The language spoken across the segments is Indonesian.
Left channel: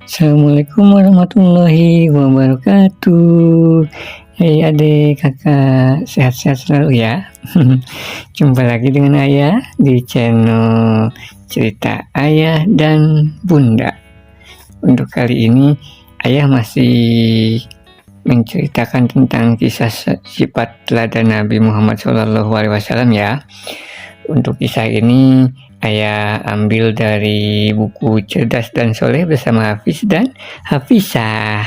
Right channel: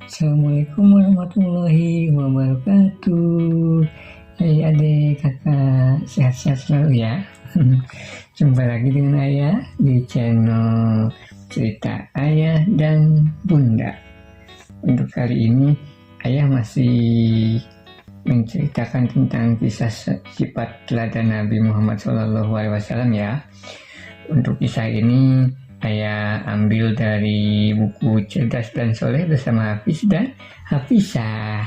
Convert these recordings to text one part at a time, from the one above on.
Assalamualaikum warahmatullahi wabarakatuh. Hai adik, kakak, sehat-sehat selalu ya. Jumpa lagi dengan Ayah di channel Cerita Ayah dan Bunda. Untuk kali ini Ayah masih menceritakan tentang kisah sifat teladan Nabi Muhammad SAW ya. Untuk kisah ini Ayah ambil dari buku Cerdas dan Soleh bersama Hafiz dan Hafizah.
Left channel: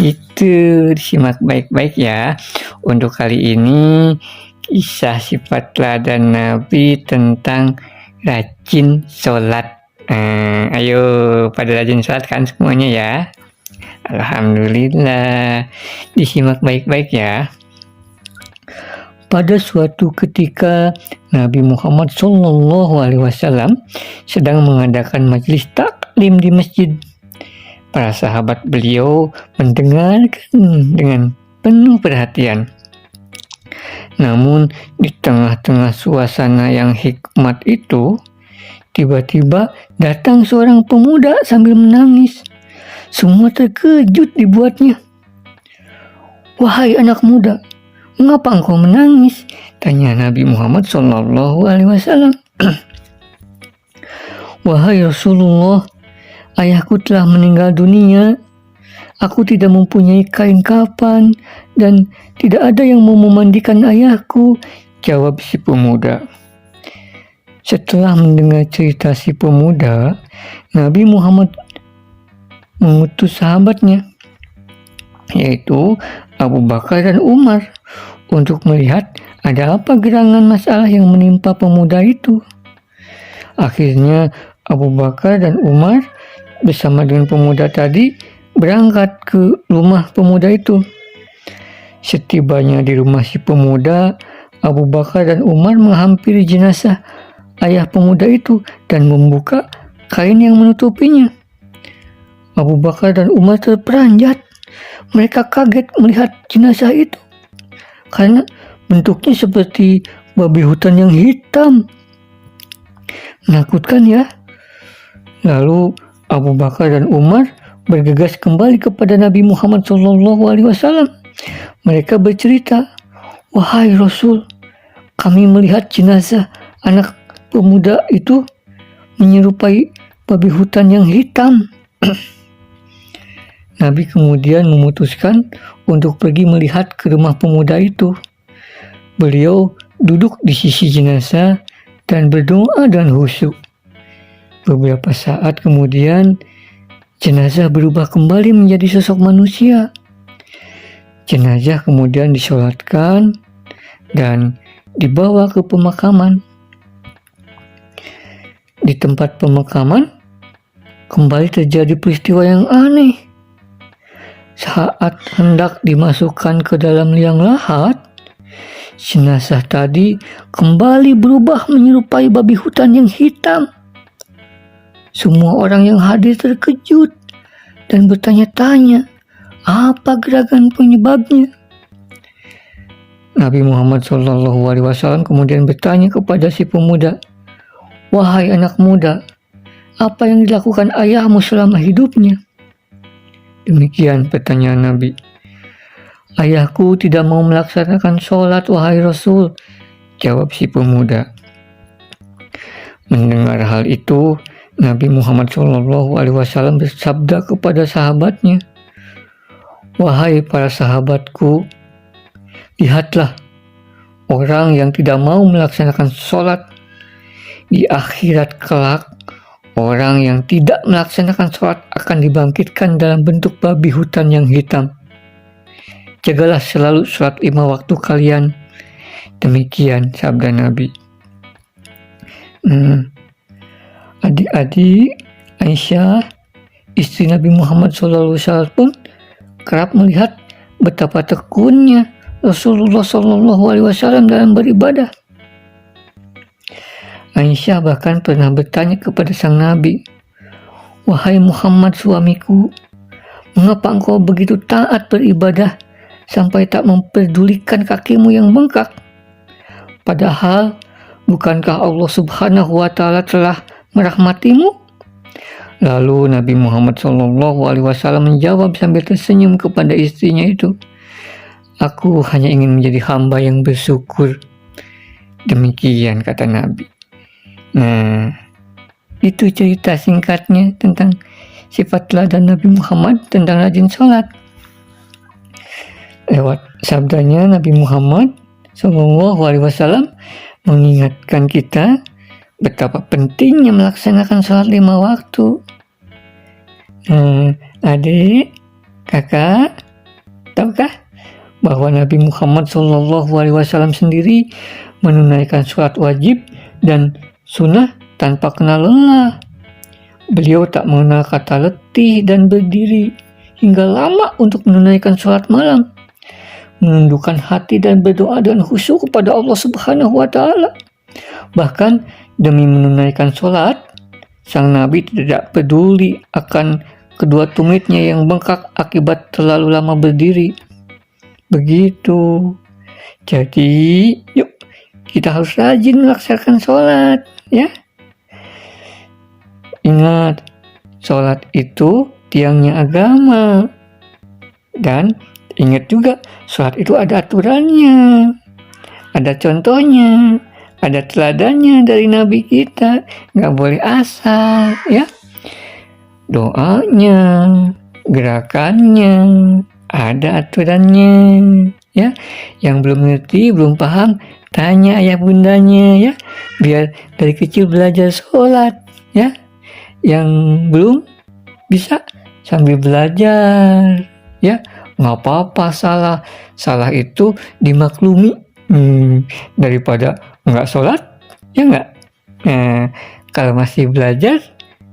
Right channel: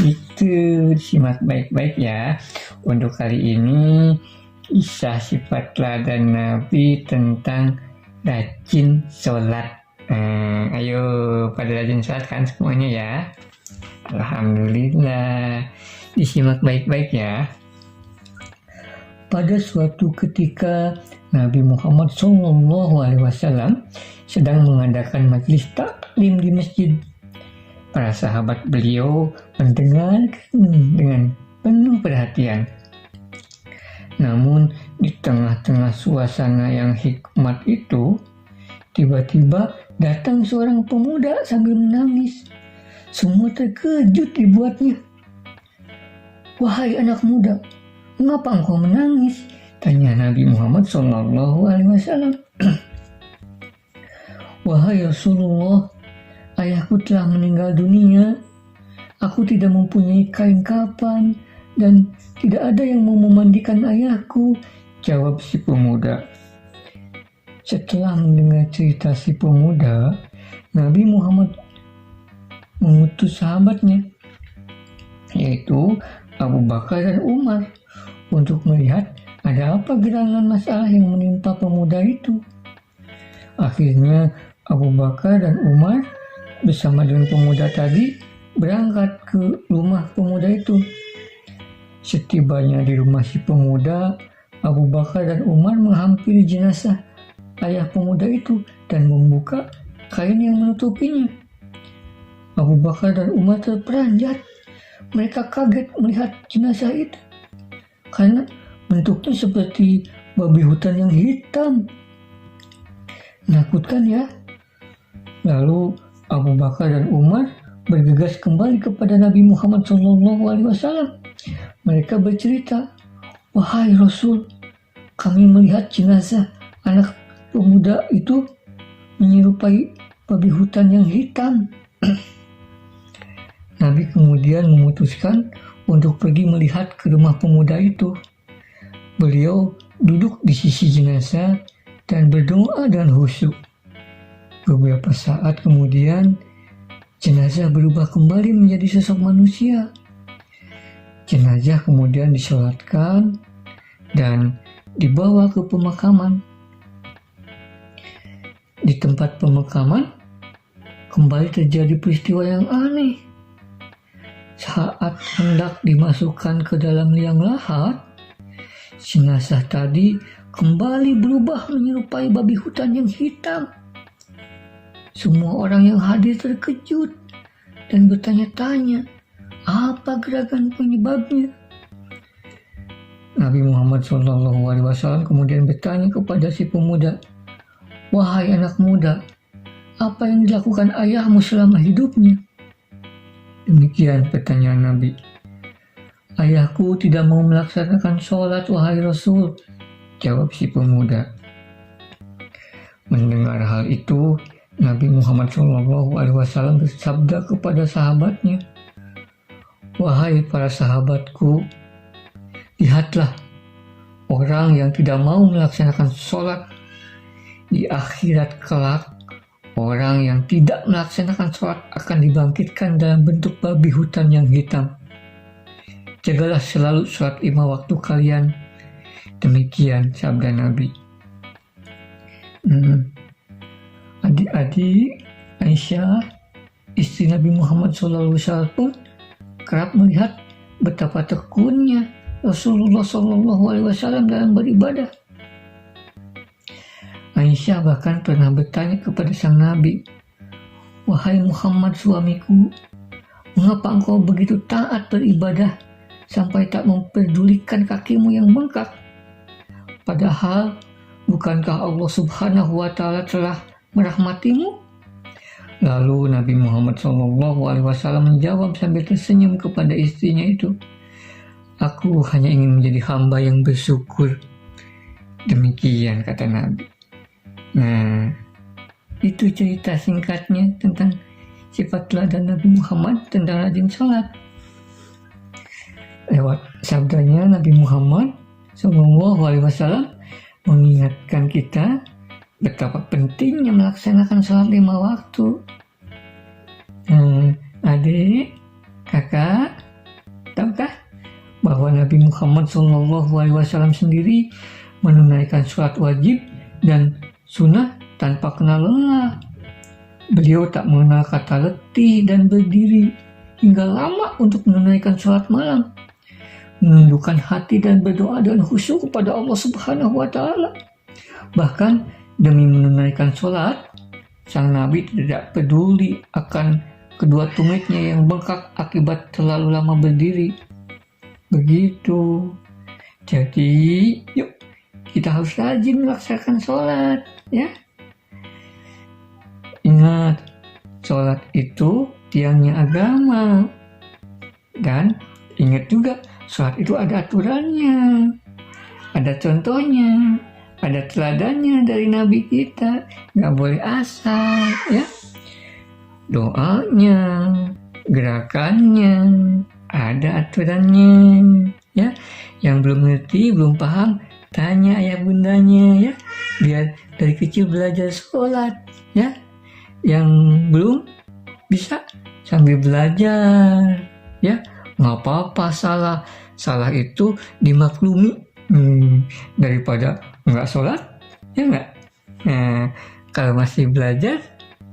Itu disimak baik-baik ya. Untuk kali ini kisah sifat teladan Nabi tentang rajin sholat. Ayo pada rajin sholat kan semuanya ya. Alhamdulillah. Disimak baik-baik ya. Pada suatu ketika Nabi Muhammad SAW sedang mengadakan majelis taklim di masjid. Para sahabat beliau mendengarkan dengan penuh perhatian. Namun di tengah-tengah suasana yang hikmat itu, tiba-tiba datang seorang pemuda sambil menangis. Semua terkejut dibuatnya. "Wahai anak muda, mengapa engkau menangis?" tanya Nabi Muhammad SAW. "Wahai Rasulullah, ayahku telah meninggal dunia. Aku tidak mempunyai kain kafan dan tidak ada yang mau memandikan ayahku," jawab si pemuda. Setelah mendengar cerita si pemuda, Nabi Muhammad mengutus sahabatnya, yaitu Abu Bakar dan Umar, untuk melihat ada apa gerangan masalah yang menimpa pemuda itu. Akhirnya Abu Bakar dan Umar bersama dengan pemuda tadi berangkat ke rumah pemuda itu. Setibanya di rumah si pemuda, Abu Bakar dan Umar menghampiri jenazah ayah pemuda itu dan membuka kain yang menutupinya. Abu Bakar dan Umar terperanjat. Mereka kaget melihat jenazah itu karena bentuknya seperti babi hutan yang hitam. Menakutkan ya. Lalu Abu Bakar dan Umar bergegas kembali kepada Nabi Muhammad SAW. Mereka bercerita, "Wahai Rasul, kami melihat jenazah anak pemuda itu menyerupai babi hutan yang hitam." Nabi kemudian memutuskan untuk pergi melihat ke rumah pemuda itu. Beliau duduk di sisi jenazah dan berdoa dan khusyuk. Beberapa saat kemudian, jenazah berubah kembali menjadi sosok manusia. Jenazah kemudian disolatkan dan dibawa ke pemakaman. Di tempat pemakaman, kembali terjadi peristiwa yang aneh. Saat hendak dimasukkan ke dalam liang lahat, jenazah tadi kembali berubah menyerupai babi hutan yang hitam. Semua orang yang hadir terkejut dan bertanya-tanya, apa gerakan penyebabnya? Nabi Muhammad SAW kemudian bertanya kepada si pemuda, "Wahai anak muda, apa yang dilakukan ayahmu selama hidupnya?" Demikian pertanyaan Nabi. "Ayahku tidak mau melaksanakan sholat, wahai Rasul," jawab si pemuda. Mendengar hal itu, Nabi Muhammad SAW bersabda kepada sahabatnya, "Wahai para sahabatku, lihatlah orang yang tidak mau melaksanakan sholat. Di akhirat kelak, orang yang tidak melaksanakan sholat akan dibangkitkan dalam bentuk babi hutan yang hitam. Jagalah selalu sholat 5 waktu kalian." Demikian sabda Nabi. Adik-adik, Aisyah, istri Nabi Muhammad SAW pun kerap melihat betapa tekunnya Rasulullah SAW dalam beribadah. Aisyah bahkan pernah bertanya kepada sang Nabi, "Wahai Muhammad suamiku, mengapa engkau begitu taat beribadah sampai tak memperdulikan kakimu yang bengkak? Padahal bukankah Allah Subhanahu wa Ta'ala telah merahmatimu? Lalu Nabi Muhammad SAW menjawab sambil tersenyum kepada istrinya itu, "Aku hanya ingin menjadi hamba yang bersyukur." Demikian kata Nabi. Nah, itu cerita singkatnya tentang sifat teladan Nabi Muhammad tentang rajin sholat. Lewat sabdanya Nabi Muhammad SAW mengingatkan kita betapa pentingnya melaksanakan sholat 5 waktu. Adik, kakak, tahukah bahwa Nabi Muhammad SAW sendiri menunaikan sholat wajib dan sunnah tanpa kenal lelah. Beliau tak mengenal kata letih dan berdiri hingga lama untuk menunaikan sholat malam, menundukkan hati dan berdoa dengan khusyuk kepada Allah Subhanahu wa Ta'ala. Bahkan demi menunaikan sholat, sang Nabi tidak peduli akan kedua tumitnya yang bengkak akibat terlalu lama berdiri. Begitu. Jadi, yuk kita harus rajin melaksanakan sholat, ya. Ingat, sholat itu tiangnya agama. Dan ingat juga, sholat itu ada aturannya, ada contohnya, ada teladannya dari Nabi kita. Nggak boleh asal, ya. Doanya, gerakannya, ada aturannya, ya. Yang belum ngerti, belum paham, tanya ayah bundanya, ya. Biar dari kecil belajar sholat, ya. Yang belum bisa sambil belajar, ya. Nggak apa-apa salah itu dimaklumi daripada nggak sholat, ya nggak. Nah, kalau masih belajar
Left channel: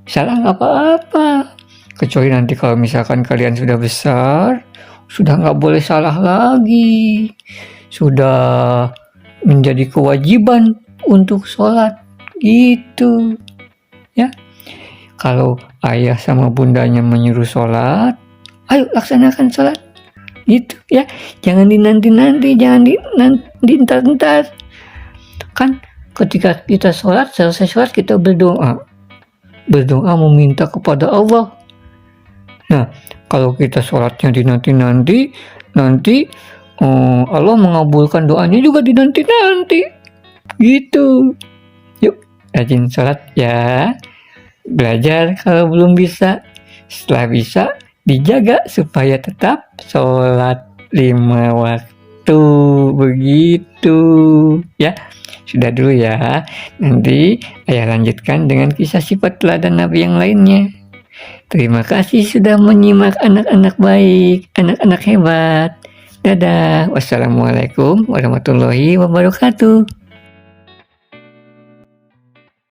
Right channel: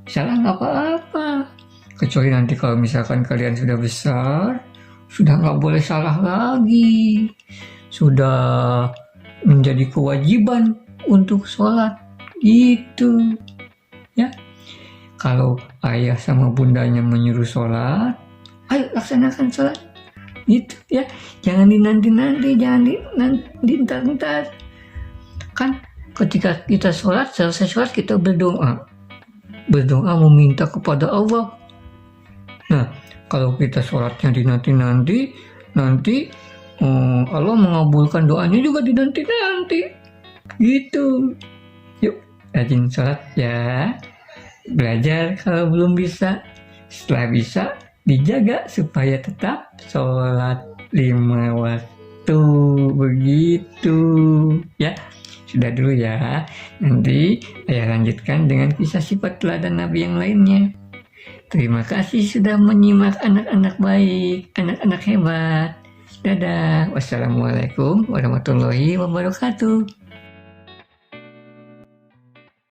salah nggak apa-apa, kecuali nanti kalau misalkan kalian sudah besar, sudah nggak boleh salah lagi, sudah menjadi kewajiban untuk sholat gitu, ya. Kalau ayah sama bundanya menyuruh sholat, ayo laksanakan sholat gitu, ya. Jangan dinanti-nanti, jangan diintar-intar. Kan ketika kita sholat, selesai sholat kita berdoa meminta kepada Allah. Nah, kalau kita sholatnya dinanti-nanti, nanti Allah mengabulkan doanya juga dinanti-nanti gitu. Yuk rajin sholat ya. Belajar kalau belum bisa, setelah bisa dijaga supaya tetap sholat 5 waktu, begitu ya. Sudah dulu ya, nanti ayah lanjutkan dengan kisah sifat teladan Nabi yang lainnya. Terima kasih sudah menyimak anak-anak baik, anak-anak hebat. Dadah, wassalamualaikum warahmatullahi wabarakatuh.